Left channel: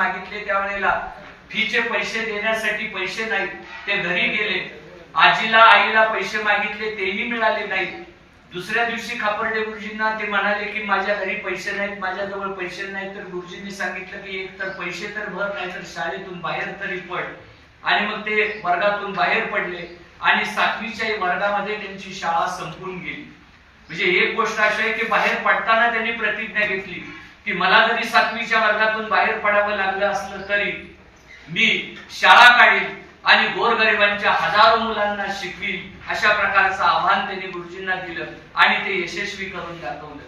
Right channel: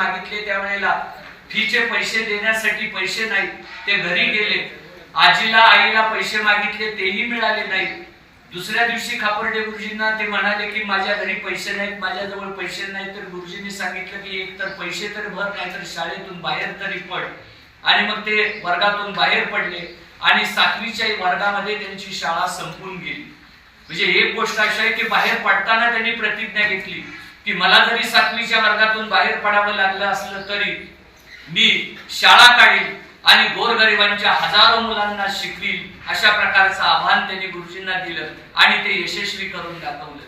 मागितले त्यावेळेला फीचे पैसे देण्यासाठी पैसे नाही ते घरी गेले. आजीला आईला पैसे मागितले तेही मिळाले नाही. दुसऱ्या दिवशी खापर्डे गुरुजींना ते म्हणाले की माझ्या घरी पैसे नाहीत माझ्याजवळ पैसे नाहीत. तर गुरुजींनी सांगितलं की एक तर पैसे तर भर नाही तर शाळेतून बाहेर तरी पड. आणि मग ते वर्गातून बाहेर पडले आणि सातवीच्या वर्गामध्ये त्यांची शाळा संपून गेली. म्हणजे एक गोष्ट अशी आहे की बाहेर पडताना त्यांनी प्रतिज्ञा घेतली. की मला जरी सातवीच्या वर्गातून बाहेर पडावं लागलं असलं तरी मी शाळा काढीन आणि गोरगरिबांच्या हजारो मुलांना शिकवीन अशा प्रकारचं आव्हान त्यांनी गुरुजींना दिलं आणि ते यशस्वी करून दाखवलं.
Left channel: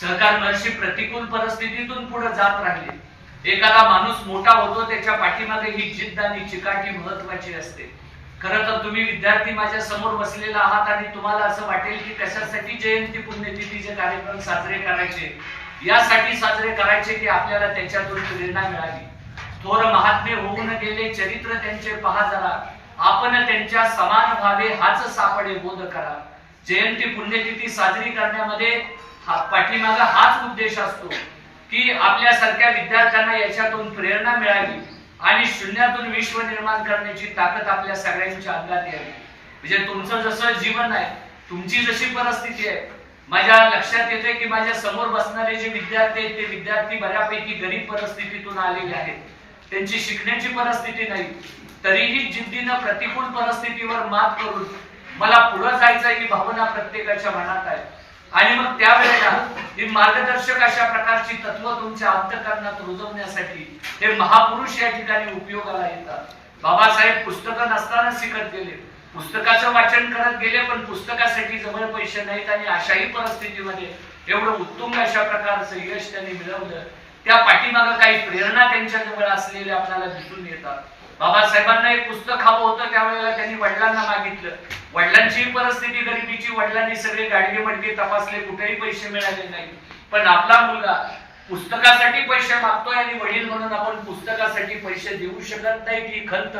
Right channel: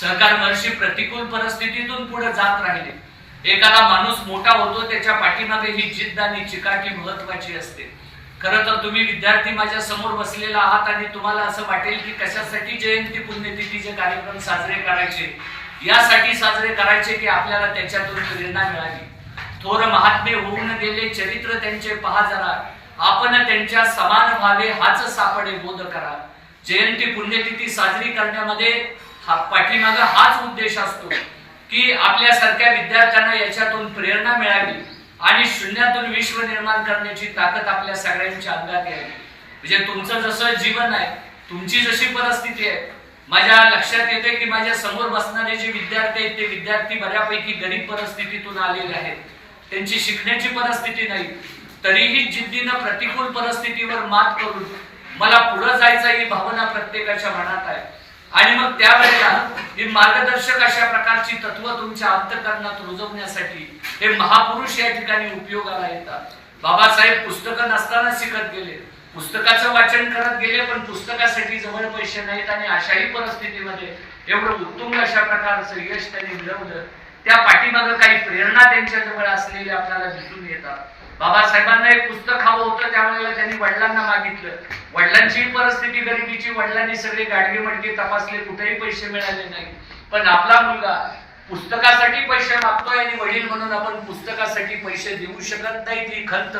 सहकार महर्षी प्रतिकूल परिस्थितीतून पुढे जात राहिले. एखादा माणूस मोठा होतो त्याच्या पाठीमागे ही जिद्द आणि चिकाटी महत्वाची असते. खरं तर तुम्ही विद्यार्थी माझ्यासमोर बसलेला आहात आणि तुम्हाला असं वाटेल की कशासाठी जयंती पुण्यतिथीचे कार्यक्रम साजरे करायचे? यासाठी साजरे करायचे की आपल्याला त्याच्यातून प्रेरणा मिळाली. थोर महात्मे होऊन गेले चरित्र त्यांचे पहा जरा. आपण त्यांच्या समान व्हावे हाच सापडे बोध करा. जयंती पुण्यतिथी साजरी करण्यामध्ये हा पाठीमागा हाच उद्देश असतो की आपल्यासारख्या विद्यार्थ्यांना याच्यातून प्रेरणा मिळावी आणि शून्यातून विश्व निर्माण करण्याची ताकद आपल्या सगळ्यांच्या अंगात यावी. म्हणजे तुमचं जसं जीवन आहे तुमची जशी परिस्थिती आहे माझ्या लक्षात येतोय की माझ्यासमोर बसणारे जे विद्यार्थी आहेत ते विद्यार्थी बऱ्यापैकी गरीब परिस्थितीतून आलेले आहेत. त्यांची शिकण्याची परिस्थिती नाही. तरीही जिद्दीनं प्रतिकूल परिस्थितीवर मात करून मला पुढे जायचं ही भावना प्रत्येकाच्या मनात आहे. आणि मग त्यावेळेला ही मार्गदर्शक अशा प्रकारची तत्व तुमच्या अंतकरणात रुजवण्यासाठी हे महापुरुष या ठिकाणी उपयोगाला येतात. बाबासाहेब पुस्तकं नसताना शिकत गेले. पुस्तकाचं वाचन करत गेले पण पुस्तकासाठी जवळ पैसे नाहीत आणि अशाही परिस्थितीमध्ये एवढं उत्तुंग अशा प्रकारचं यश त्यांनी मिळवलं. त्या पाठीमागं काही प्रेरणा त्यांच्या जवळ असलेल्या आपल्याला दिसून येतात. बाबासाहेबांना एक पुस्तक हवं होतं त्यावेळेला त्यांनी वडिलांना मागितलं. वडिलांची परिस्थिती गरिबीची वडिलांनी सगळे गाडगे मडके तपासले कुठेही पैसे मिळाले नाही पण आपला मुलगा पुस्तकासाठी पैसे मागतोय आणि वडील म्हणून आपण पुस्तकासाठी पैसे देऊ शकत नाही ती खंत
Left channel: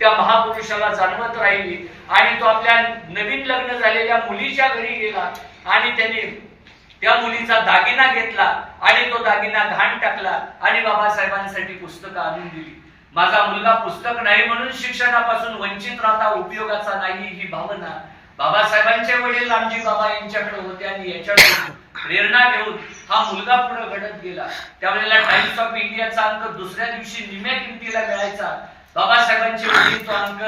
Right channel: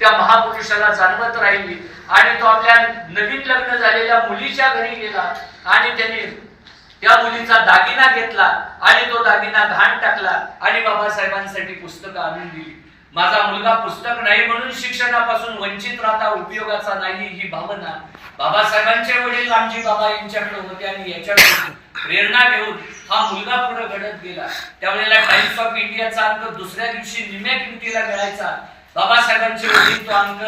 त्या महापुरुषाला जाणवत राहिली. आणि तो आपल्या नवीन लग्न झालेल्या मुलीच्या घरी गेला आणि त्यांनी त्या मुलीचा दागिना घेतला आणि तो दागिना घाण टाकला आणि बाबासाहेबांसाठी पुस्तकं आणून दिली. माझा मुलगा पुस्तक नाही म्हणून शिक्षणापासून वंचित राहता उपयोगाचा नाही ही भावना बाबासाहेबांचे वडील रामजी बाबा यांच्याकडे होते आणि याच्याकडून प्रेरणा घेऊन हा मुलगा पुढे घडत गेला. त्यावेळेला टाइम्स ऑफ इंडियाचा अंक दुसऱ्या दिवशी निम्या किमतीला मिळायचा. बाबासाहेबांचे वडील तो अंक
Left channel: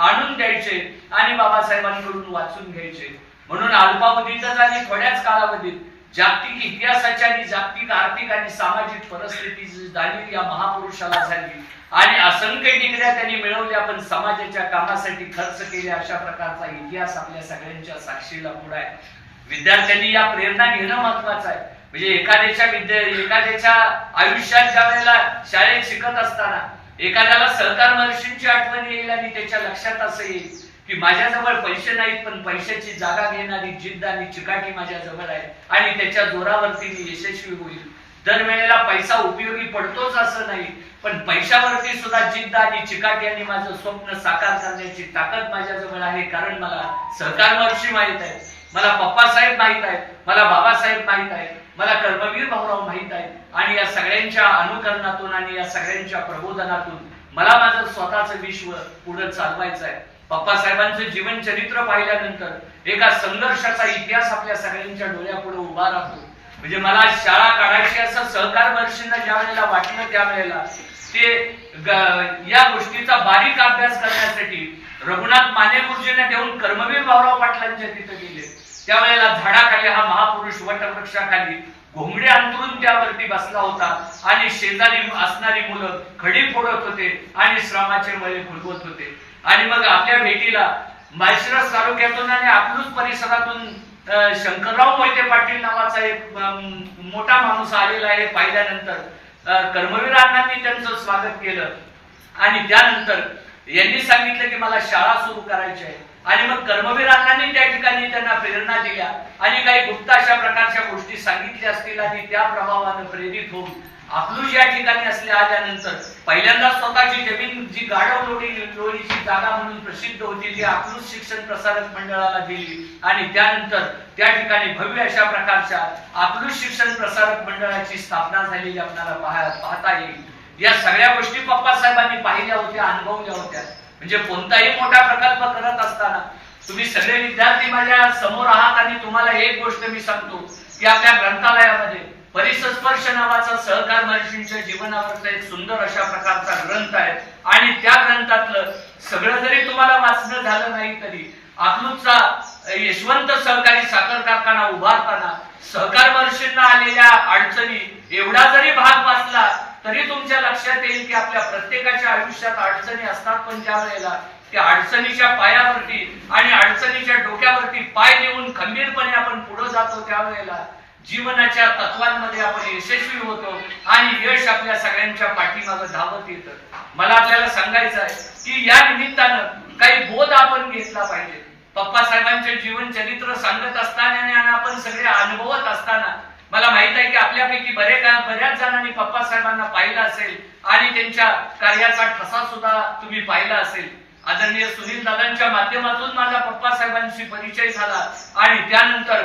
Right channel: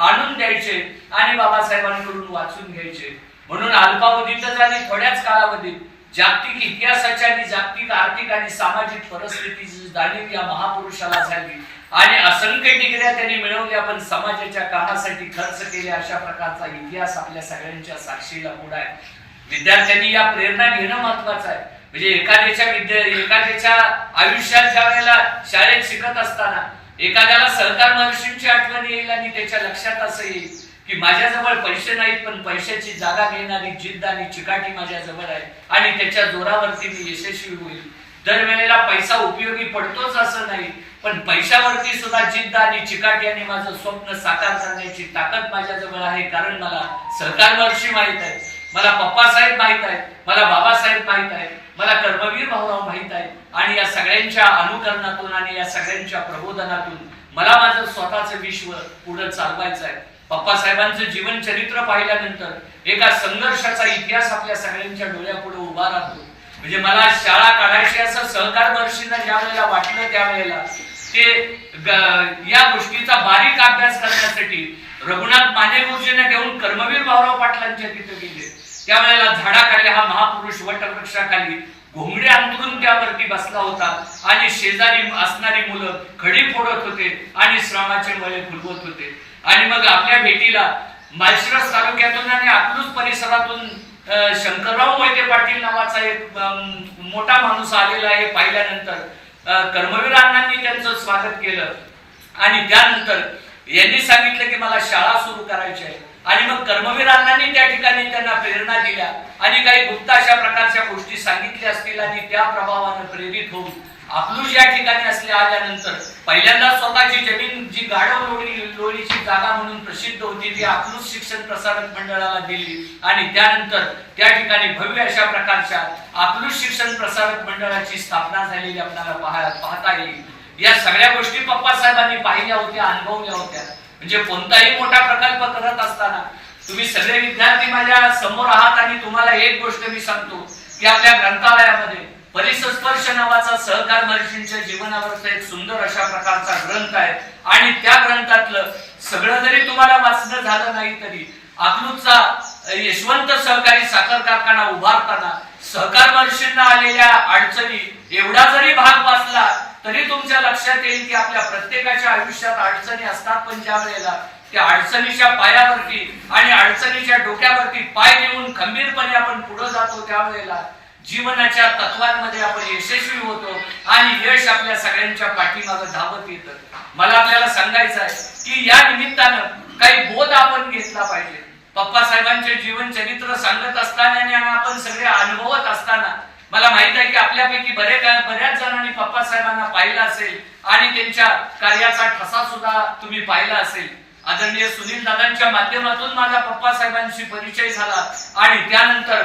आणून द्यायचे आणि बाबासाहेबांकडून वाचून घ्यायचे. म्हणून अल्पावधीतच आणि थोड्याच कालावधीत जागतिक इतिहासाची आणि जागतिक आर्थिक आणि सामाजिक परिस्थितीची जाणीव या महापुरुषाला झाली. आणि असंख्य डिग्र्या त्यांनी मिळवल्या पण समाजाच्या कामासाठी खर्च केले अशा प्रकारचा इतिहास आपल्या सगळ्यांच्या साक्षीला पुढे आहे. विद्यार्थ्यांनी या प्रेरणा घेणं महत्वाचं आहे. म्हणजे एखाद्याच्या विद्या एखाद्याच्या आयुष्यात ज्या वेळेला शाळेत शिकत असताना एखाद्याला सहकार महर्षींची आठवण येईल आणि त्याच्या लक्षात असं येईल की माझ्याजवळ पैसे नाहीत पण पैशाची जागा घेणारी जिद्द आणि चिकाटी माझ्या जवळ आहे आणि त्याच्या जोरावरती मी यशस्वी होईल. दरवेळेला पैसा उपयोगी पडतोच असं नाही पण पैशावरती सुद्धा जिद्द आणि चिकाटी आणि माझं स्वप्न साकार करण्याची ताकद माझ्याजवळ आहे कारण मला सहकार महर्षी माहीत आहे मला पप्पासाहेब माहीत आहेत मला बाबासाहेब माहीत आहेत मला कर्मवीर भाऊराव माहीत आहेत. आणि या सगळ्यांच्या अनुकरणातून आणि या सगळ्यांच्या प्रबोधनातून मला माझं स्वतःचं विश्व पुढे चालवायचं आहे. पप्पासाहेबांचं जीवन चरित्र पाहिल्यानंतर एका संघर्षाचा इतिहास आपल्या सगळ्यांच्या डोळ्यापुढे उभा राहतो. म्हणजे मला शाळा काढायची असं सहकार दर्शींना ज्या वेळेला वाटलं त्यावेळेला ते या गोष्टीचा बारीक अभ्यास करण्यासाठी रघुनाथ माने गुरुजींना घेऊन कर्मवीर भाऊराव पाटलांच्या तिथे गेले. त्यावेळेला झाडाखाली हा महापुरुष वटवृक्षाखाली घोंगडे अंतरून त्यावरती बसला होता. आणि शेजारी असणारी मुलं खडी फोडत होते आणि श्रमाचे मळे फुलवत होते. आणि मग आपल्या भेटीला माळशिरस तालुक्यातून आणि अकलूज परिसरातून शंकरराव मोहिते पाटील नावाचा एक मोठा माणूस आलेला आहे पाहिल्यानंतर कर्मवीर अण्णांनी त्यांचं स्वागत केलं. आणि त्यानंतर यांनी सांगितलं की मला शाळा सुरू करायची आहे. आणि मग कर्मवीर त्या ठिकाणी त्यांना प्रेरणा दिल्या. आणि काही गुप्त अशा प्रकारच्या गोष्टी सांगितल्या असतील आणि त्या प्रभावानं प्रेरित होऊन अकलूज या ठिकाणी असल्या आल्यानंतर पहिल्यांदा स्वतःची जमीन जी गाढव लोणी लोणीची जागा म्हणून प्रसिद्ध होती ती अकलूज शिक्षण प्रसारक मंडळाला दिली. आणि त्यानंतर त्या ठिकाणी भव्य अशा प्रकारच्या अकलूज शिक्षण प्रसारक मंडळाची स्थापना झालेली आपल्याला पाहता येईल. या सगळ्या गोष्टी पप्पा साहेबांनी पाहिल्या होत्या अनुभवल्या होत्या. म्हणजे कोणताही मोठा प्रकल्प करत असताना तुम्ही सगळे विद्यार्थी माझ्यासमोर आहात आणि तुम्हाला एक गोष्ट मी सांगतो की आपल्या ग्रंथालयामध्ये परिसस्पर्श नावाचा सहकार महर्षींच्या जीवनावरचा एक सुंदर अशा प्रकारचा ग्रंथ आहे. आणि त्या ग्रंथातलं सगळं जरी तुम्हाला वाचणं झालं नाही तरी अकलूजचा यशवंत सहकारी साखर कारखाना उभारताना सहकार महर्षींना आलेल्या अडचणी एवढा जरी भाग वाचला तरी तुमच्या लक्षात येईल की आपल्या प्रत्येकाच्या आयुष्यात अडचणी असतात पण ज्या वेळेला त्या अडचणीच्या पायावरती आणि अडचणीच्या डोक्यावरती पाय देऊन खंबीरपणे आपण पुढे जातो त्यावेळेला जीवनाच्या तत्वांमध्ये आपण यशस्वी होतो आणि यश आपल्या सगळ्यांच्या पाठीमागं धावत येतं. मला आपल्याला सांगायचं आहे की या निमित्तानं काही बोध आपण घेतला पाहिजे. पप्पा साहेबांचे जीवन चरित्र सांगत असताना आणि आपण सगळे अनुभवत असताना मला माहीत आहे की आपल्यापैकी बरे बऱ्याच जणांनी पप्पा साहेबांना पाहिलं असेल आणि त्यांच्या कार्याचा ठसा सुद्धा तुम्ही पाहिला असेल. आदरणीय सुनील दादांच्या माध्यमातून माझा पप्पा साहेबांशी परिचय झाला आणि त्यानंतर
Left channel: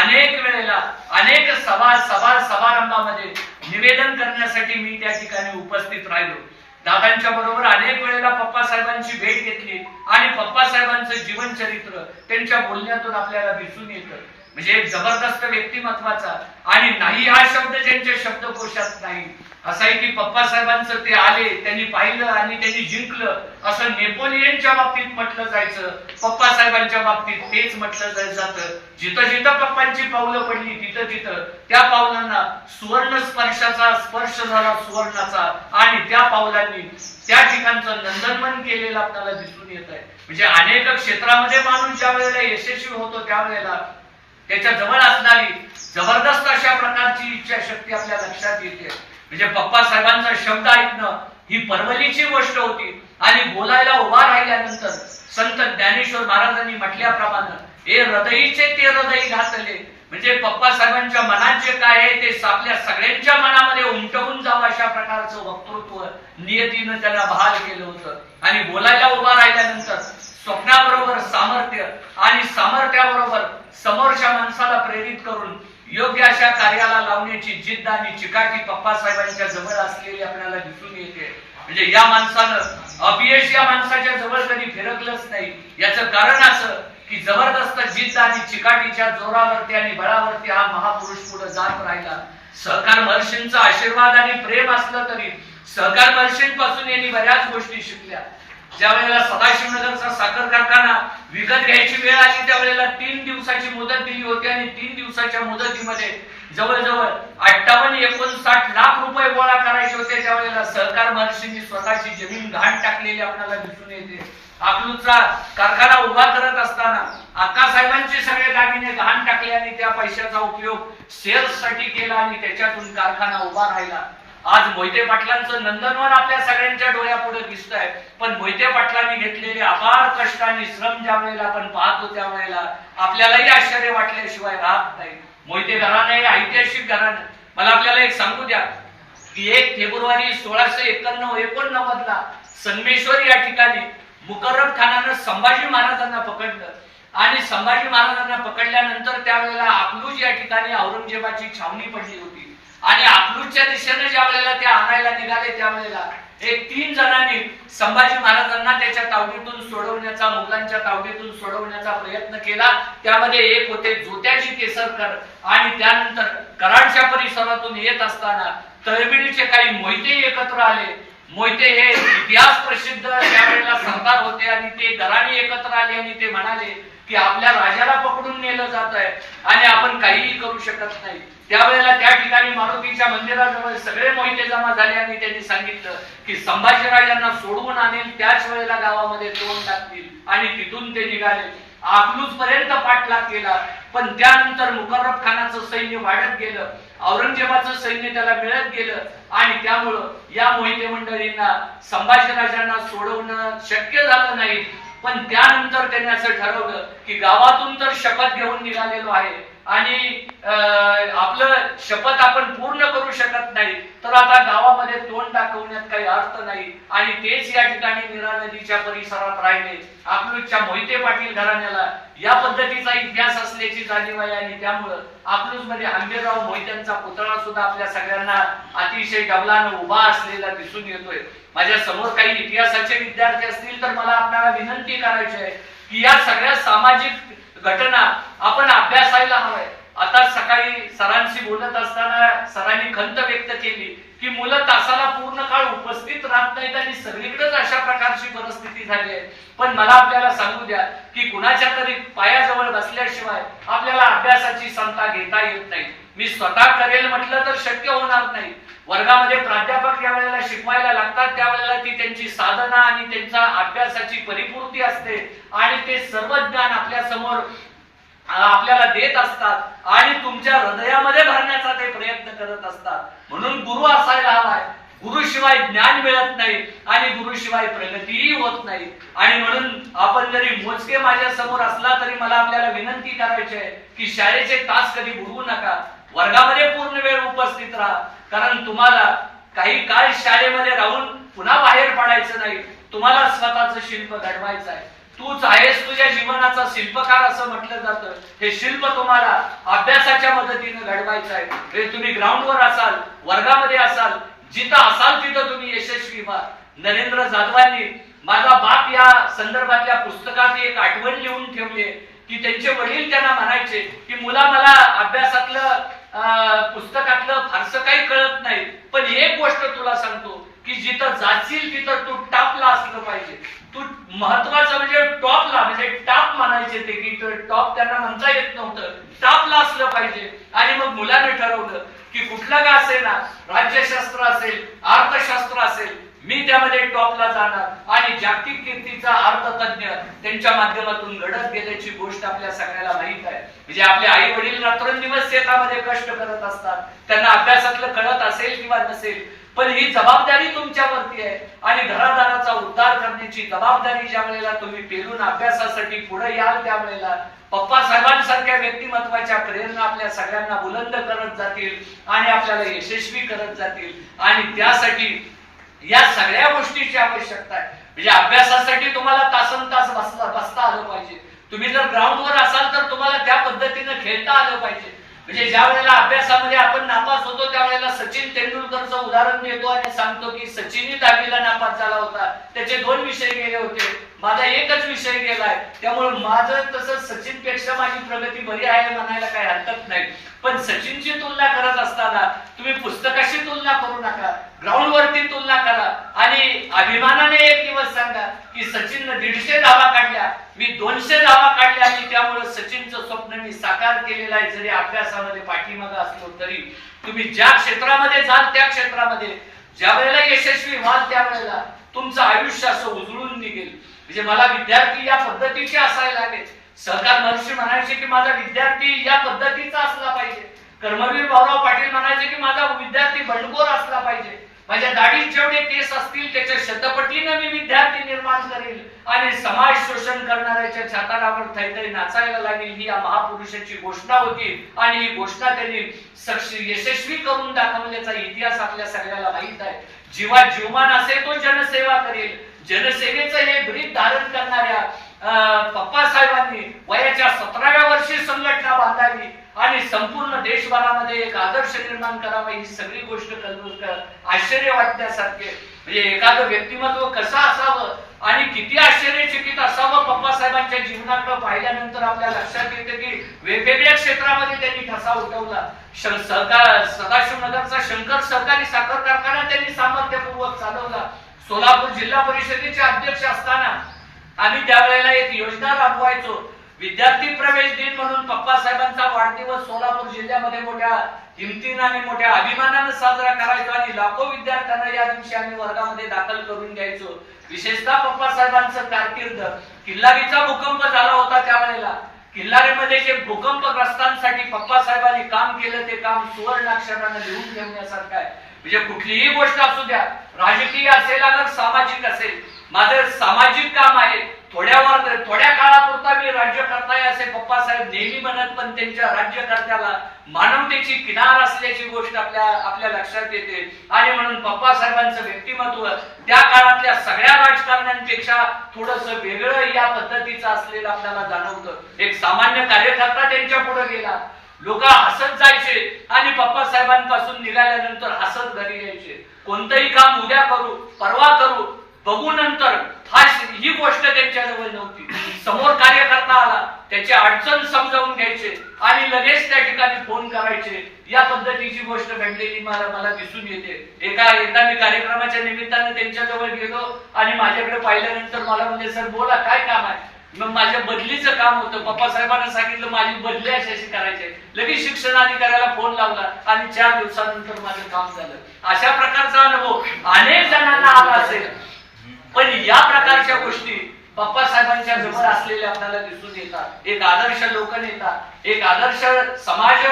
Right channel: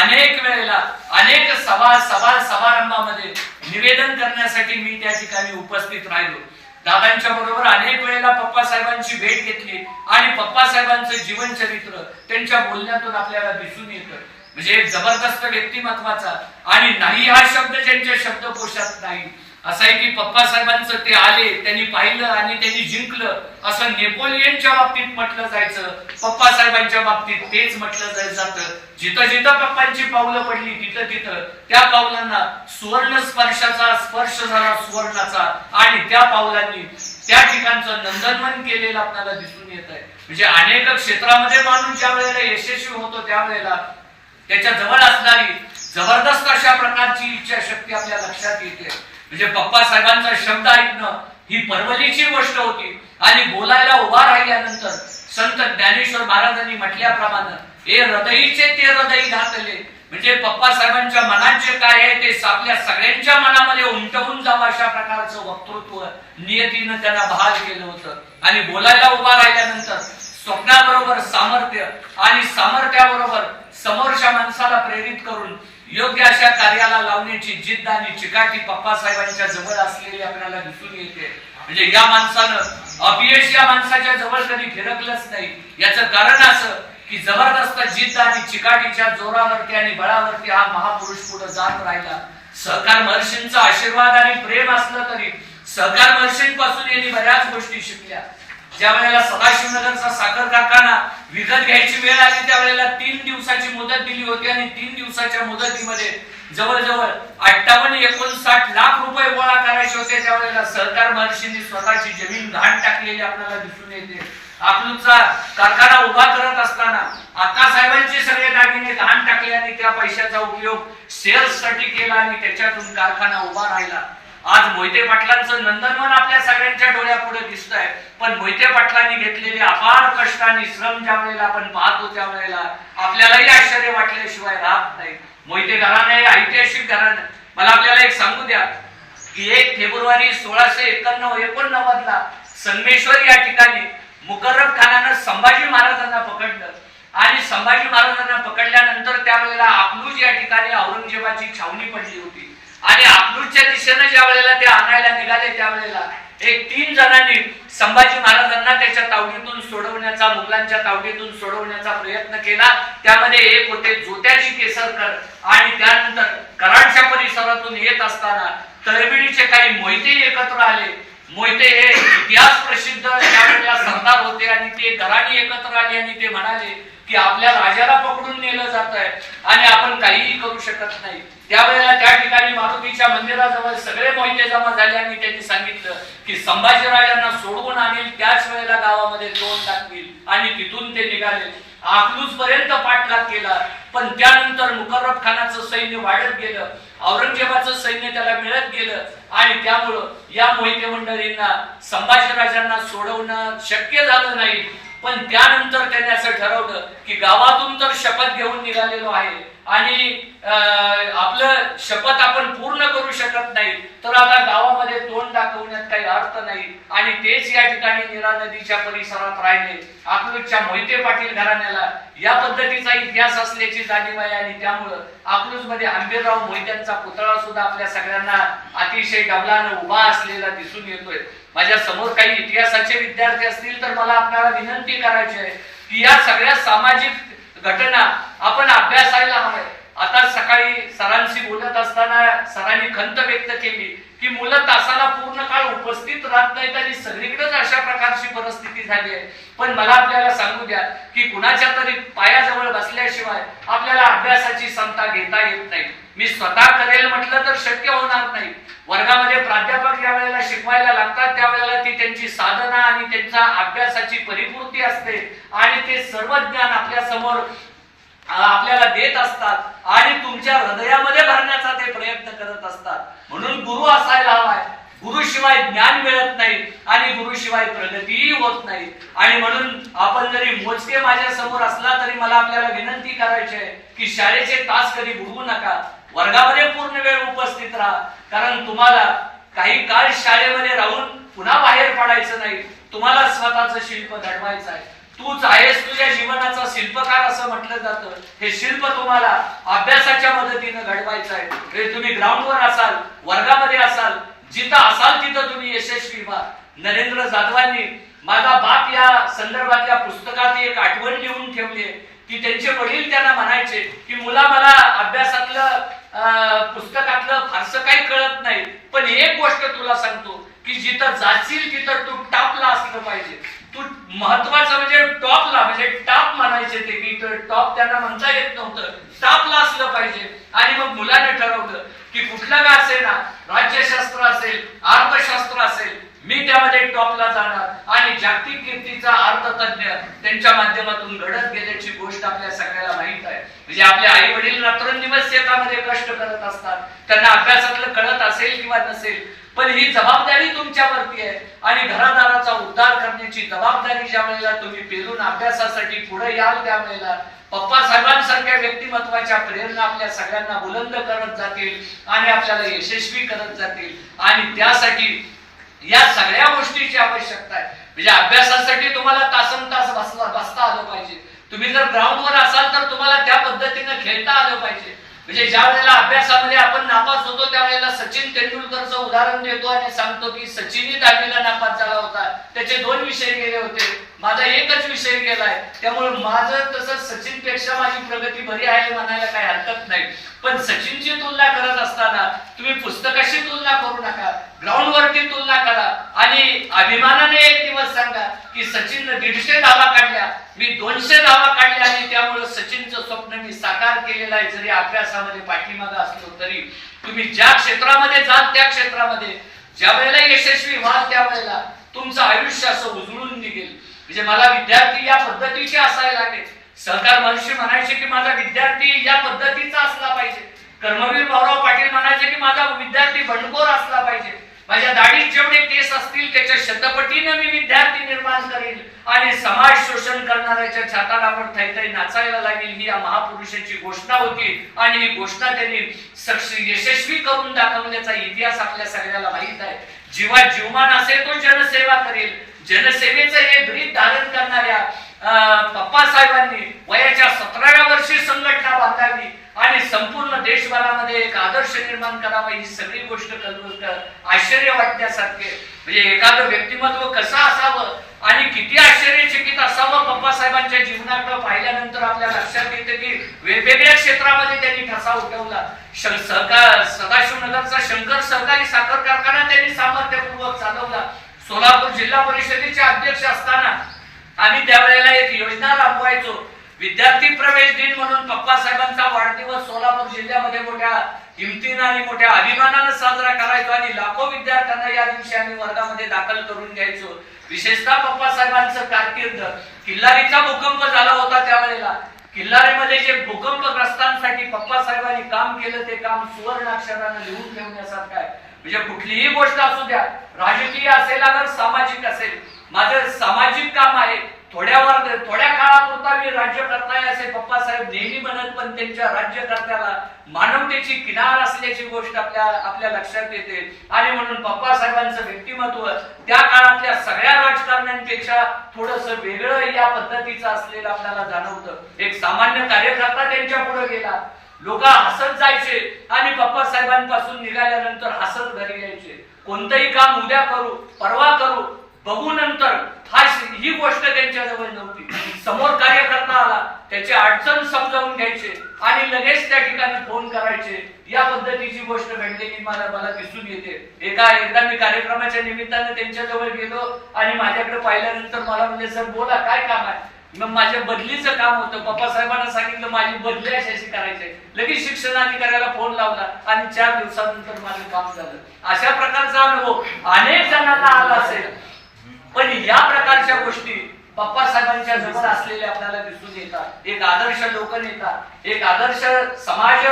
अनेक वेळेला अनेक सभा सभा समारंभामध्ये निवेदन करण्यासाठी मी त्या ठिकाणी उपस्थित राहिलो. दादांच्या बरोबर अनेक वेळेला पप्पा साहेबांची भेट घेतली आणि पप्पा साहेबांचं जीवन चरित्र त्यांच्या बोलण्यातून आपल्याला दिसून येतं. म्हणजे जबरदस्त व्यक्तिमत्वाचा. आणि नाही हा शब्द ज्यांच्या शब्दकोशात नाही. असं आहे की पप्पा साहेबांचं ते आले त्यांनी पाहिलं आणि त्यांनी जिंकलं. असं नेपोलियनच्या बाबतीत म्हटलं जायचं पप्पा साहेबांच्या बाबतीत तेच म्हटलं जातं. जिथं जिथं पप्पांची पावलं पडली तिथं तिथं त्या पावलांना सुवर्ण स्पर्शाचा स्पर्श झाला सुवर्णाचा. आणि त्या पावलांनी त्या ठिकाणचं नंदनवन केलेलं आपल्याला दिसून येत आहे म्हणजे अनेक क्षेत्रामध्ये माणूस ज्या वेळेला यशस्वी होतो त्यावेळेला त्याच्याजवळ असणारी जबरदस्त अशा प्रकारची इच्छा शक्ती आपल्या लक्षात येते. म्हणजे पप्पा साहेबांचा शब्द ऐकणं ही परवलीची गोष्ट होती. आणि बोलायला उभा राहिल्यानंतर संत ज्ञानेश्वर महाराजांनी म्हटल्याप्रमाणे हे हृदयीचे ते हृदय घातले. म्हणजे पप्पा साहेबांच्या मनात जे काय आहे ते आपल्या सगळ्यांच्या मनामध्ये उमटवून जावं अशा प्रकारचं वक्तृत्व नियतीनं त्यांना बहाल केलं होतं. आणि बोलायला उभा राहिल्यानंतर स्वप्नाबरोबर सामर्थ्य आणि सामर्थ्याबरोबर समोरच्या माणसाला प्रेरित करून योग्य अशा कार्याला लावण्याची जिद्द आणि चिकाटी पप्पा साहेबांच्या जवळ असलेली आपल्याला दिसून येते. म्हणजे या माणसानं अपयश या माणसाच्या जवळ कधी फिरकलंच नाही. याचं कारण असं की जबरदस्त जिद्द आणि चिकाटीच्या जोरावरती आणि बळावरती हा महापुरुष पुढे जात राहिला. सहकार महर्षींचा आशीर्वाद आणि प्रेम असलं तरी सहकार महर्षींपासून यांनी बऱ्याच गोष्टी शिकल्या. ज्या वेळेला सदाशिवनगरचा साखर कारखाना विकत घ्यायची वेळ आली त्यावेळेला तीन दिवसाची मुदत दिली होती आणि तीन दिवसाच्या मुदतीमध्ये जवळजवळ अठ्ठावन्न एकोणसाठ लाख रुपये गोळा करायचे होते. त्यावेळेला सहकार महर्षींनी स्वतःची जमीन घाण टाकलेली आपल्याला दिसून येते. अकलूजचा कारखाना उभा करत असताना अक्का साहेबांचे सगळे दागिने घाण टाकले आणि त्या पैशाचा उपयोग सेल्ससाठी केला आणि त्याच्यातून कारखाना उभा राहिला. आज मोहिते पाटलांचं नंदनवन आपल्या सगळ्यांच्या डोळ्यापुढे दिसत आहे पण मोहिते पाटलांनी घेतलेले अपार कष्ट आणि श्रम ज्या वेळेला आपण पाहतो त्या वेळेला आपल्यालाही आश्चर्य वाटल्याशिवाय राहत नाही. मोहिते घराणं हे ऐतिहासिक घराणं. मला आपल्याला एक सांगू द्या. की एक फेब्रुवारी सोळाशे एकोणनव एकोणनव्वद ला संगमेश्वर या ठिकाणी मुकर्रब खानानं संभाजी महाराजांना पकडलं. आणि संभाजी महाराजांना पकडल्यानंतर त्यावेळेला अकलूज या ठिकाणी औरंगजेबाची छावणी पडली होती. आणि अकलूजच्या दिशेने ज्या वेळेला ते आणायला निघाले त्यावेळेला एक तीन जणांनी संभाजी महाराजांना त्याच्या तावडीतून सोडवण्याचा मुघलांच्या तावडीतून सोडवण्याचा प्रयत्न केला. त्यामध्ये एक होते जोत्याजी केसरकर. आणि त्यानंतर कराडच्या परिसरातून येत असताना तळबिडीचे काही मोहिते एकत्र आले. मोहिते हे इतिहास प्रसिद्ध त्यावेळेला सरदार होते आणि ते दराणी एकत्र आले आणि ते म्हणाले की आपल्या राजाला पकडून नेलं जात आहे आणि आपण काहीही करू शकत नाही. त्यावेळेला त्या ठिकाणी मारुतीच्या मंदिराजवळ सगळे मोहिते जमा झाले आणि त्यांनी सांगितलं की संभाजीराजांना सोडवून आणील त्याच वेळेला गावामध्ये तोंड टाकतील आणि तिथून ते निघाले. आखलूज पर्यंत पाठलाग केला. पण त्यानंतर मुकर्रब खानाचं सैन्य वाढत गेलं. औरंगजेबाचं सैन्य त्याला मिळत गेलं. आणि त्यामुळं या मोहिते मंडळींना संभाजीराजांना सोडवणं शक्य झालं नाही. पण त्यानंतर त्यांनी असं ठरवलं की गावातून तर शपथ घेऊन निघालेलो आहे. आणि अं, आपलं शपथ आपण पूर्ण करू शकत नाही. तर आता गावामध्ये तोंड दाखवण्यात काही अर्थ नाही. आणि तेच या ठिकाणी निरा नदीच्या परिसरात राहिले. आपलूच्या मोहिते पाटील घराण्याला या पद्धतीचा इतिहास असल्याची जाणीव आहे आणि त्यामुळं अकलूजमध्ये हंबीरराव मोहित्यांचा पुतळा सुद्धा आपल्या सगळ्यांना अतिशय डबलानं उभा असलेला दिसून येतोय. माझ्यासमोर काही इतिहासाचे विद्यार्थी असतील तर मला आपल्याला विनंती करायची आहे की या सगळ्या सामाजिक घटना आपण अभ्यासायला हवाय आता सकाळी सरांशी बोलत असताना सरांनी खंत व्यक्त केली. की मुलं तासाला पूर्ण काळ उपस्थित राहत नाहीत आणि सगळीकडेच अशा प्रकारची परिस्थिती झाली आहे. पण मला आपल्याला सांगू द्या की कुणाच्या तरी पायाजवळ बसल्याशिवाय आपल्याला अभ्यासाची संता घेता येत नाही. मी स्वतः करेल म्हटलं तर शक्य होणार नाही. वर्गामध्ये प्राध्यापक ज्या वेळेला शिकवायला लागतात त्यावेळेला ती त्यांची साधना आणि त्यांच्या अभ्यासाची परिपूर्ती असते आणि ते सर्व ज्ञान आपल्यासमोर आपल्याला देत असतात आणि तुमच्या हृदयामध्ये भरण्याचा ते प्रयत्न करत असतात. म्हणून गुरु असायला हवाय. गुरुशिवाय ज्ञान मिळत नाही आणि गुरुशिवाय प्रगतीही होत नाही. आणि म्हणून आपण जरी मोजके माझ्यासमोर असला तरी मला आपल्याला विनंती करायची आहे की शाळेचे तास कधी बुडवू नका. वर्गामध्ये पूर्ण वेळ उपस्थित राहा. कारण तुम्हाला काही काळ शाळेमध्ये राहून पुन्हा बाहेर पडायचं नाही. तुम्हाला स्वतःचं शिल्प घडवायचं आहे. तूच आहेस तुझ्या जीवनाचा शिल्पकार असं म्हटलं जातं. हे शिल्प तुम्हाला अभ्यासाच्या मदतीनं घडवायचं आहे. हे तुम्ही ग्राउंडवर असाल वर्गामध्ये असाल जिथं असाल तिथं तुम्ही यशस्वी व्हा. नरेंद्र जाधवांनी माझा बाप या संदर्भातल्या पुस्तकात एक आठवण लिहून ठेवली आहे. की त्यांचे वडील त्यांना म्हणायचे की मुला मला अभ्यासातलं पुस्तकातलं फारसं काही कळत नाही पण एक गोष्ट तुला सांगतो. की जिथं जाशील तिथं तू टापला असलं पाहिजे. तू महत्वाचं म्हणजे टॉपला म्हणजे टॉप म्हणायचे ते की टॉप त्यांना म्हणता येत नव्हतं. टॉपला असलं पाहिजे. आणि मग मुलाने ठरवलं की कुठलं का असेल ना राज्यशास्त्र असेल अर्थशास्त्र असेल मी त्यामध्ये टॉपला जाणार. आणि जागतिक कीर्तीचा अर्थतज्ञ त्यांच्या माध्यमातून घडत गेल्याची गोष्ट आपल्या सगळ्याला माहीत आहे. म्हणजे आपले आई वडील रात्रंदिवस शेतामध्ये कष्ट करत असतात. त्यांना अभ्यासातलं कळत असेल किंवा नसेल पण ही जबाबदारी तुमच्यावरती आहे आणि घरादाराचा उद्धार करण्याची जबाबदारी ज्या वेळेला तुम्ही पेरून अभ्यासासाठी पुढे याल त्या वेळेला पप्पा साहेबांसारख्या व्यक्तिमत्वाच्या प्रेरणा आपल्या सगळ्यांना बुलंद करत जातील आणि आपल्याला यशस्वी करत जातील. आणि त्यासाठी या सगळ्या गोष्टीची आवश्यकता आहे. म्हणजे अभ्यासासाठी तुम्हाला तासन तास बसला बसता आलं पाहिजे. तुम्ही जर ग्राउंडवर असाल तर तुम्हाला त्या पद्धतीनं खेळता आलं पाहिजे. म्हणजे ज्या वेळेला अभ्यासामध्ये आपण नापास होतो त्यावेळेला सचिन तेंडुलकरचं उदाहरण देतो आणि सांगतो की सचिनही दहावीला नापास झाला होता. त्याचे दोन विषय गेले होते. माझा एकच विषय गेलाय. त्यामुळे माझं तसं सचिनपेक्षा माझी प्रगती बरी आहे म्हणायला काही हरकत नाही. पण सचिनची तुलना करत असताना तुम्ही पुस्तकाशी तुलना करू नका ग्राउंड वरती तुलना करा आणि अभिमानाने एक दिवस सांगा की सचिननं दीडशे धावा काढल्या मी दोनशे धावा काढल्या आणि त्यामुळे सचिनचं स्वप्न मी साकार केलेलं आहे जरी अभ्यासामध्ये पाठीमागा असलो तरी. तुम्ही ज्या क्षेत्रामध्ये जाल त्या क्षेत्रामध्ये. ज्या वेळेला यशस्वी व्हाल त्यावेळेला तुमचं आयुष्य असं उजळून निघेल. म्हणजे मला विद्यार्थी या पद्धतीचे असायला लागेल. सहकार महर्षी म्हणायचे की माझा विद्यार्थी या पद्धतीचा असला पाहिजे. कर्मवीर भाऊराव पाटील म्हणायचे की माझा विद्यार्थी बंडखोर असला पाहिजे. माझ्या दाढीत जेवढे केस असतील त्याच्या शतपटीनं मी विद्यार्थी निर्माण करेल आणि समाज शोषण करणाऱ्याच्या छाताडावर थैथै नाचायला लागेल ही या महापुरुषाची घोषणा होती. आणि ही घोषणा त्यांनी सक्ष यशस्वी करून दाखवण्याचा इतिहास आपल्या सगळ्याला माहीत आहे. जीवा जीवमान असेल तो जनसेवा करेल. जनसेवेचं हे ब्रीद धारण करणाऱ्या अं, पप्पा साहेबांनी वयाच्या सतराव्या वर्षी संघटना बांधावी आणि संपूर्ण देशभरामध्ये एक आदर्श निर्माण करावा ही सगळी गोष्ट आश्चर्य वाटण्यासारखे. म्हणजे एखादं व्यक्तिमत्व कसं असावं आणि किती आश्चर्यचकित असावं पप्पा साहेबांच्या जीवनाकडे पाहिल्यानंतर आपल्या लक्षात येतं की वेगवेगळ्या क्षेत्रामध्ये त्यांनी ठसा उठवला. सहकार सदाशिवनगरचा शंकर सहकारी साखर कारखाना त्यांनी सामर्थ्यपूर्वक चालवला. सोलापूर जिल्हा परिषदेचे अध्यक्ष असताना आम्ही त्यावेळेला एक योजना राबवायचो. विद्यार्थी प्रवेश दिन म्हणून पप्पा साहेबांचा वाढदिवस सोलापूर जिल्ह्यामध्ये मोठ्या हिमतीनं आणि मोठ्या अभिमानानं साजरा करायचो आणि लाखो विद्यार्थ्यांना या दिवशी आम्ही वर्गामध्ये दाखल करून घ्यायचो. विशेषतः पप्पा साहेबांचं कारकीर्द. किल्लारीचा भूकंप झाला होता त्यावेळेला. किल्लारीमध्ये जे भूकंपग्रस्तांसाठी पप्पा साहेबांनी काम केलं ते काम सुवर्ण अक्षरानं लिहून ठेवण्यासारखं आहे. म्हणजे कुठलीही गोष्ट असू द्या राजकीय असेल अगर सामाजिक असेल माझं सामाजिक काम आहे. थोड्यावर थोड्या काळापुरता मी राज्यकर्ता आहे असे पप्पासाहेब नेहमी म्हणत पण त्यांच्या राज्यकर्त्याला मानवतेची किनार असल्याची गोष्ट आपल्या आपल्या लक्षात येते. आणि म्हणून पप्पासाहेबांचं व्यक्तिमत्व त्या काळातल्या सगळ्या राजकारण्यांपेक्षा थोडस वेगळं या पद्धतीचं असलेलं आपल्याला जाणवतं. एक सामान्य कार्यकर्ता त्यांच्या पुढे गेला. लोक हसत जायचे आणि पप्पा साहेबांपासून निघाल्यानंतर हसत घरी यायचे. कोणतंही काम उद्या करू परवा करू बघू नंतर हा ही गोष्ट त्यांच्याजवळ नव्हती. समोर कार्यकर्ता आला त्याची अडचण समजावून घ्यायचे आणि लगेच त्या ठिकाणी फोन करायचे. या पद्धतीची गोष्ट घडलेली मला मला दिसून येते. एका एकदा मी कार्यक्रमाच्या निमित्तानं त्यांच्याजवळ गेलो आणि माझ्याकडे पाहिल्यानंतर मला म्हणजे सर बोला काय काम आहे? मग माझ्या बदलीचं काम होतं. पप्पा साहेबांना सांगितलं माझी बदली अशी अशी करायची आहे. लगेच शिक्षणाधिकाऱ्याला फोन लावला आणि चार दिवसानंतर माझं काम झालं. अशा प्रकारचा अनुभव अनेक जणांना आला असेल. पण या प्रकारच्या गोष्टी पप्पा साहेबांच्या जवळ असलेल्या आपल्याला दिसून येतात. एक आदर्श लोकनेता एक आदर्श समाज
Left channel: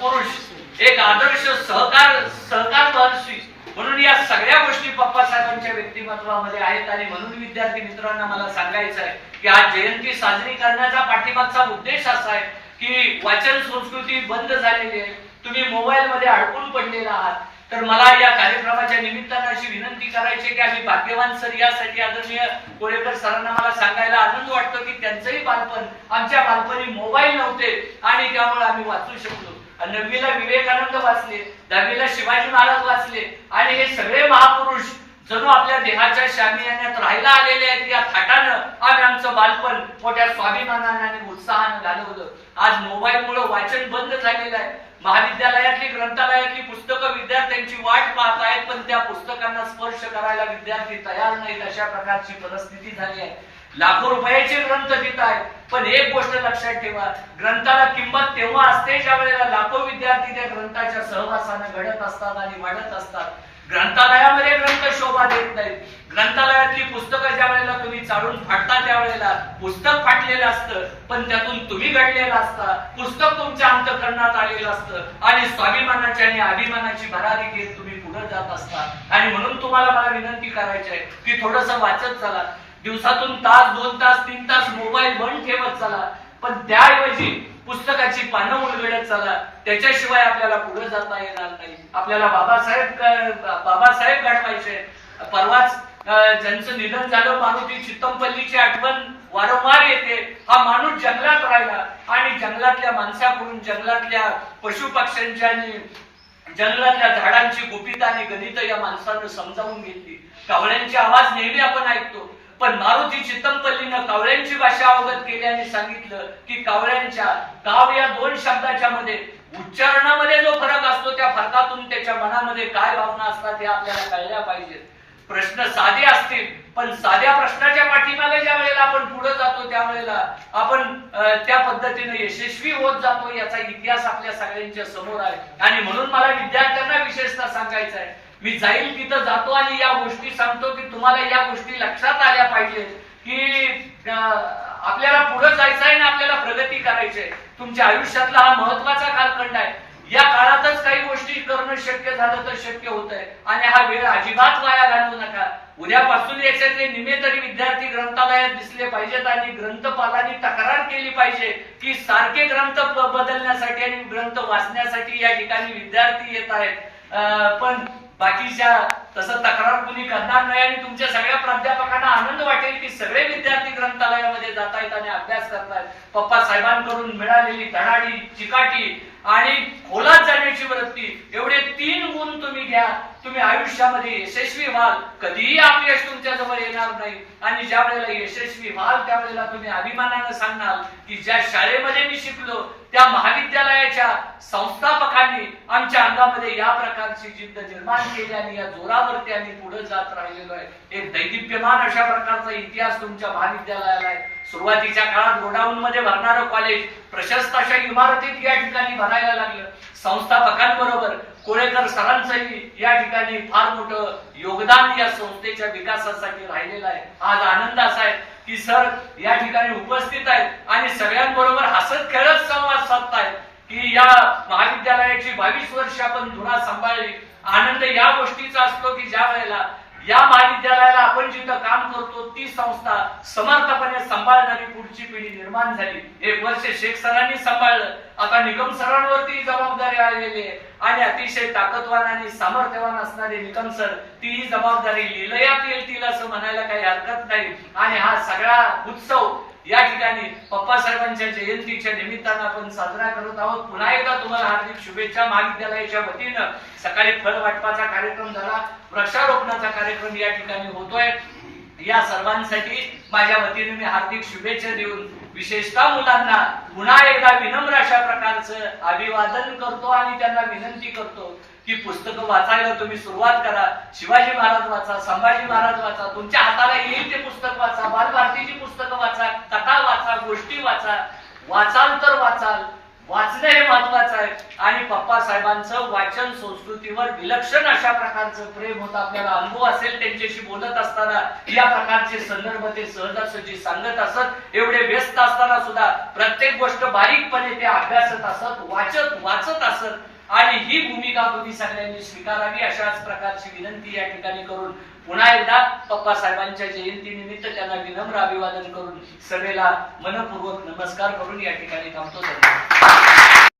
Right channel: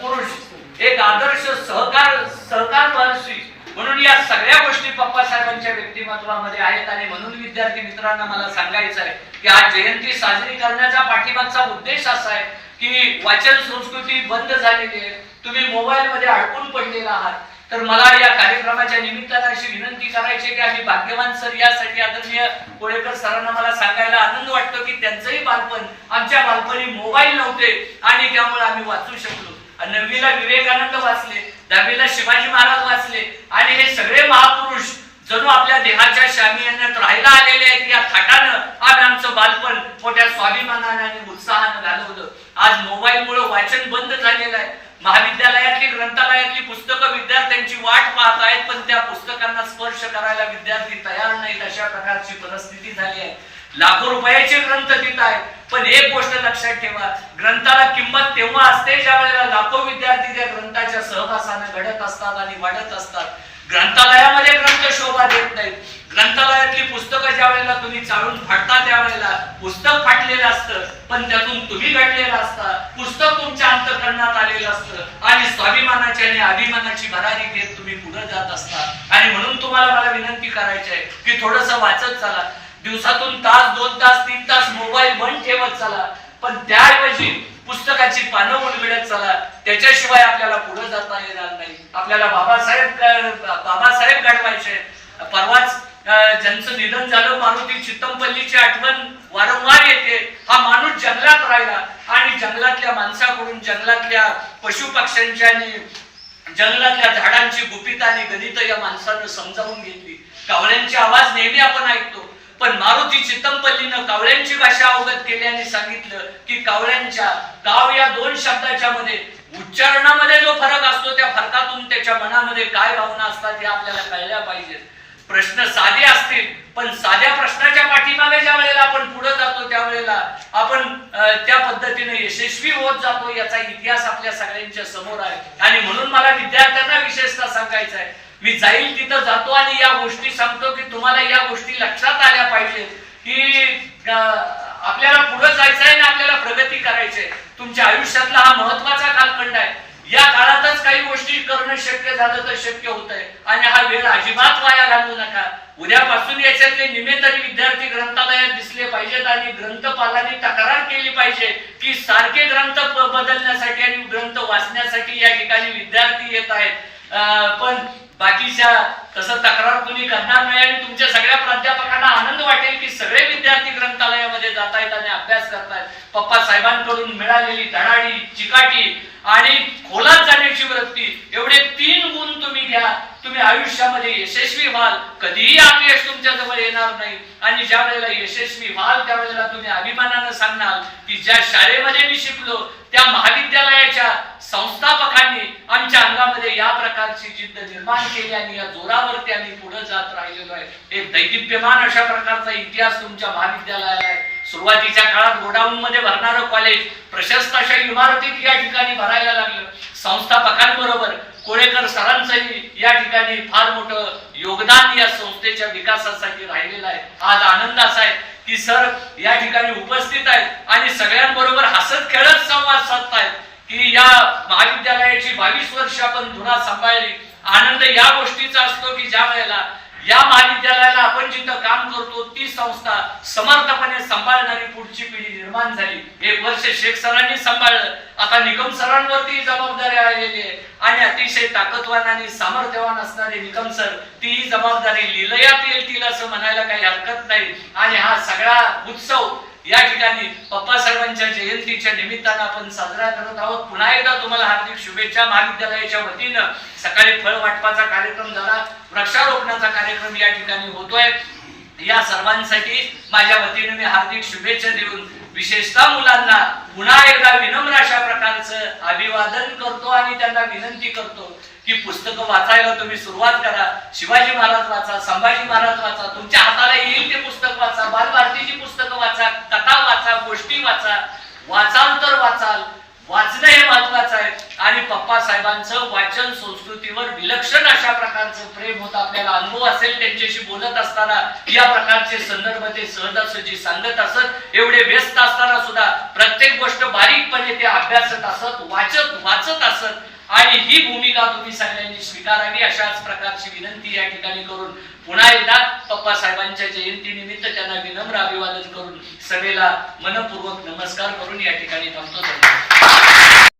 पुरुष एक आदर्श सहकार सहकार महर्षी म्हणून या सगळ्या गोष्टी पप्पा साहेबांच्या व्यक्तिमत्वामध्ये आहेत आणि म्हणून विद्यार्थी मित्रांना मला सांगायचं आहे की आज जयंती साजरी करण्याचा पाठीमागचा उद्देश असा आहे की वाचन संस्कृती बंद झालेली आहे. तुम्ही मोबाईल मध्ये अडकून पडलेला आहात. तर मला या कार्यक्रमाच्या निमित्तानं अशी विनंती करायची की आम्ही भाग्यवान सर यासाठी आदरणीय कोळेकर सरांना मला सांगायला आनंद वाटतो की त्यांचंही बालपण आमच्या बालपणी मोबाईल नव्हते आणि त्यामुळे आम्ही वाचू शकलो. नववीला विवेकानंद वाचले दहावीला शिवाजी महाराज वाचले. आणि हे सगळे महापुरुष जणू आपल्या देहाच्या शामियान्यात राहायला आलेले आहेत. या थाटानं आम्ही आमचं बालपण मोठ्या स्वाभिमानाने आणि उत्साहानं घालवलं. आज मोबाईल मुळे वाचन बंद झालेलं आहे. महाविद्यालयातली ग्रंथालयातली पुस्तकं विद्यार्थ्यांची वाट पाहत आहेत पण त्या पुस्तकांना स्पर्श करायला विद्यार्थी तयार नाहीत. अशा प्रकारची परिस्थिती झाली आहे. लाखो रुपयाचे ग्रंथ तिथं आहेत. पण एक गोष्ट लक्षात ठेवा ग्रंथाला किंमत तेव्हा असते ज्या वेळेला लाखो विद्यार्थी त्या ग्रंथाच्या सहवासानं घडत असतात आणि वाढत असतात. ग्रंथालयामध्ये ग्रंथ शोभा देत नाहीत. ग्रंथालयातली पुस्तकं ज्या वेळेला तुम्ही चाळून फाडता त्यावेळेला पुस्तक फाटलेलं असतं पण त्यातून तुम्ही घडलेलं असता. पुस्तक तुमच्या अंतकरणात आलेलं असतं आणि स्वाभिमानाची आणि अभिमानाची भरारी घेत तुम्ही पुढे जात असता. आणि म्हणून तुम्हाला मला विनंती करायची आहे की थोडस वाचत चला. दिवसातून तास दोन तास तीन तास मोबाईल बंद ठेवत चला. पण त्याऐवजी पुस्तकाची पानं उलगडत चला. त्याच्याशिवाय आपल्याला पुढे जाता येणार नाही. आपल्याला बाबासाहेब बाबासाहेब गाठवायचे. परवाच ज्यांचं निधन झालं मारुती चित्तमपल्लीची आठवण वारंवार येते. हा माणूस जंगलात राहिला. आणि जंगलातल्या माणसाकडून जंगलातल्या पशु पक्ष्यांची आणि जंगलातल्या झाडांची गुपित आणि गणित या माणसानं समजावून घेतली. कावळ्यांचे आवाज नेहमी आपण ऐकतो. पण मारुती चित्तमपल्लीनं कावळ्यांची भाषा अवगत केल्याने सांगितलं की कावळ्यांच्या काव या दोन शब्दाच्या मध्ये उच्चारणामध्ये जो फरक असतो त्या फरकातून त्याच्या मनामध्ये काय भावना असतात हे आपल्याला कळल्या पाहिजेत. प्रश्न साधे असतील पण साध्या प्रश्नाच्या पाठीमागे ज्या वेळेला आपण पुढे जातो त्यावेळेला आपण त्या पद्धतीने यशस्वी होत जातो याचा इतिहास आपल्या सगळ्यांच्या समोर आहे. आणि म्हणून मला विद्यार्थ्यांना विशेषतः सांगायचं आहे मी जाईल तिथं जातो आणि या गोष्टी सांगतो की तुम्हाला या गोष्टी लक्षात आल्या पाहिजेत की आपल्याला पुढे जायचं आहे आणि आपल्याला प्रगती करायची आहे तुमच्या आयुष्यातला हा महत्त्वाचा कालखंड आहे. या काळातच काही गोष्टी करणं शक्य झालं तर शक्य होत आहे आणि हा वेळ अजिबात वाया घालवू नका. उद्यापासून याच्यातले निमे तरी विद्यार्थी ग्रंथालयात दिसले पाहिजेत आणि ग्रंथपालांनी तक्रार केली पाहिजे की सारखे ग्रंथ बदलण्यासाठी आणि ग्रंथ वाचण्यासाठी या ठिकाणी विद्यार्थी येत आहेत. अं, पण बाकीच्या तसं तक्रार तुम्ही करणार नाही आणि तुमच्या सगळ्या प्राध्यापकांना आनंद वाटेल की सगळे विद्यार्थी ग्रंथालयामध्ये जात आहेत आणि अभ्यास करतायत. पप्पा साहेबांकडून मिळालेली धडाडी चिकाटी आणि खोलात जाण्याची वृत्ती एवढे तीन गुण तुम्ही घ्या तुम्ही आयुष्यामध्ये यशस्वी व्हाल. कधीही अपयश तुमच्या जवळ येणार नाही. आणि ज्या वेळेला यशस्वी व्हाल त्यावेळेला तुम्ही अभिमानानं सांगणार की ज्या शाळेमध्ये मी शिकलो त्या महाविद्यालयाच्या संस्थापकांनी आमच्या अंगामध्ये या प्रकारची जिद्द निर्माण केली आणि या जोरावरती आम्ही पुढे जात राहिलेलो आहे. एक दैदिप्यमान अशा प्रकारचा इतिहास तुमच्या महाविद्यालयाला आहे. सुरुवातीच्या काळात गोडाऊन मध्ये भरणारं कॉलेज प्रशस्त अशा इमारतीत या ठिकाणी भरायला लागलं. संस्थापकांबरोबर कोळेकर सरांचंही या ठिकाणी फार मोठं योगदान या संस्थेच्या विकासासाठी राहिलेलं आहे. आज आनंद असा आहे की सर या ठिकाणी उपस्थित आहेत आणि सगळ्यांबरोबर हसत खेळत संवाद साधतायत की या महाविद्यालयाची बावीस वर्ष आपण धुरा सांभाळली. आनंद या गोष्टीचा असतो की ज्या वेळेला या महाविद्यालयाला आपण जिथं काम करतो ती संस्था समर्थपणे सांभाळणारी पुढची पिढी निर्माण झाली. एक वर्ष शेख सरांनी सांभाळलं. आता निकम सरांवरती जबाबदारी आलेली आहे. आणि अतिशय ताकदवान आणि सामर्थ्यवान असणारे निकम सर ती जबाबदारी लिलयात येतील असं म्हणायला काही हरकत नाही. आणि हा सगळा उत्सव या ठिकाणी पप्पा साहेबांच्या जयंतीच्या निमित्तानं आपण साजरा करत आहोत. पुन्हा एकदा तुम्हाला हार्दिक शुभेच्छा महाविद्यालयाच्या वतीनं. सकाळी फळ वाटपाचा कार्यक्रम झाला. वृक्षारोपणाचा कार्यक्रम या ठिकाणी होतोय. या सर्वांसाठी माझ्या वतीने मी हार्दिक शुभेच्छा देऊन विशेषतः मुलांना पुन्हा एकदा विनम्र अशा प्रकारचं अभिवादन करतो आणि त्यांना विनंती करतो की पुस्तकं वाचायला तुम्ही सुरुवात करा. शिवाजी महाराज वाचा संभाजी महाराज वाचा तुमच्या हाताला येईल ते पुस्तक वाचा बालभारतीची पुस्तकं वाचा कथा वाचा गोष्टी वाचा. वाचाल तर वाचाल वाचणं हे महत्वाचं आहे. आणि पप्पा साहेबांचं वाचन संस्कृतीवर विलक्षण अशा प्रकारचं प्रेम होतं. आपल्याला अनुभव असेल त्यांच्याशी बोलत असताना या प्रकारचे संदर्भ ते सहजासहजी सांगत असत एवढे व्यस्त असताना सुद्धा प्रत्येक गोष्ट बारीकपणे ते अभ्यासत असत वाचत वाचत असत. आणि ही भूमिका तुम्ही सगळ्यांनी स्वीकारावी अशाच प्रकारची विनंती या ठिकाणी करून पुन्हा एकदा पप्पा साहेबांच्या जयंती निमित्त त्यांना विनम्र अभिवादन करून सभेला मनपूर्वक नमस्कार करून या ठिकाणी थांबतो.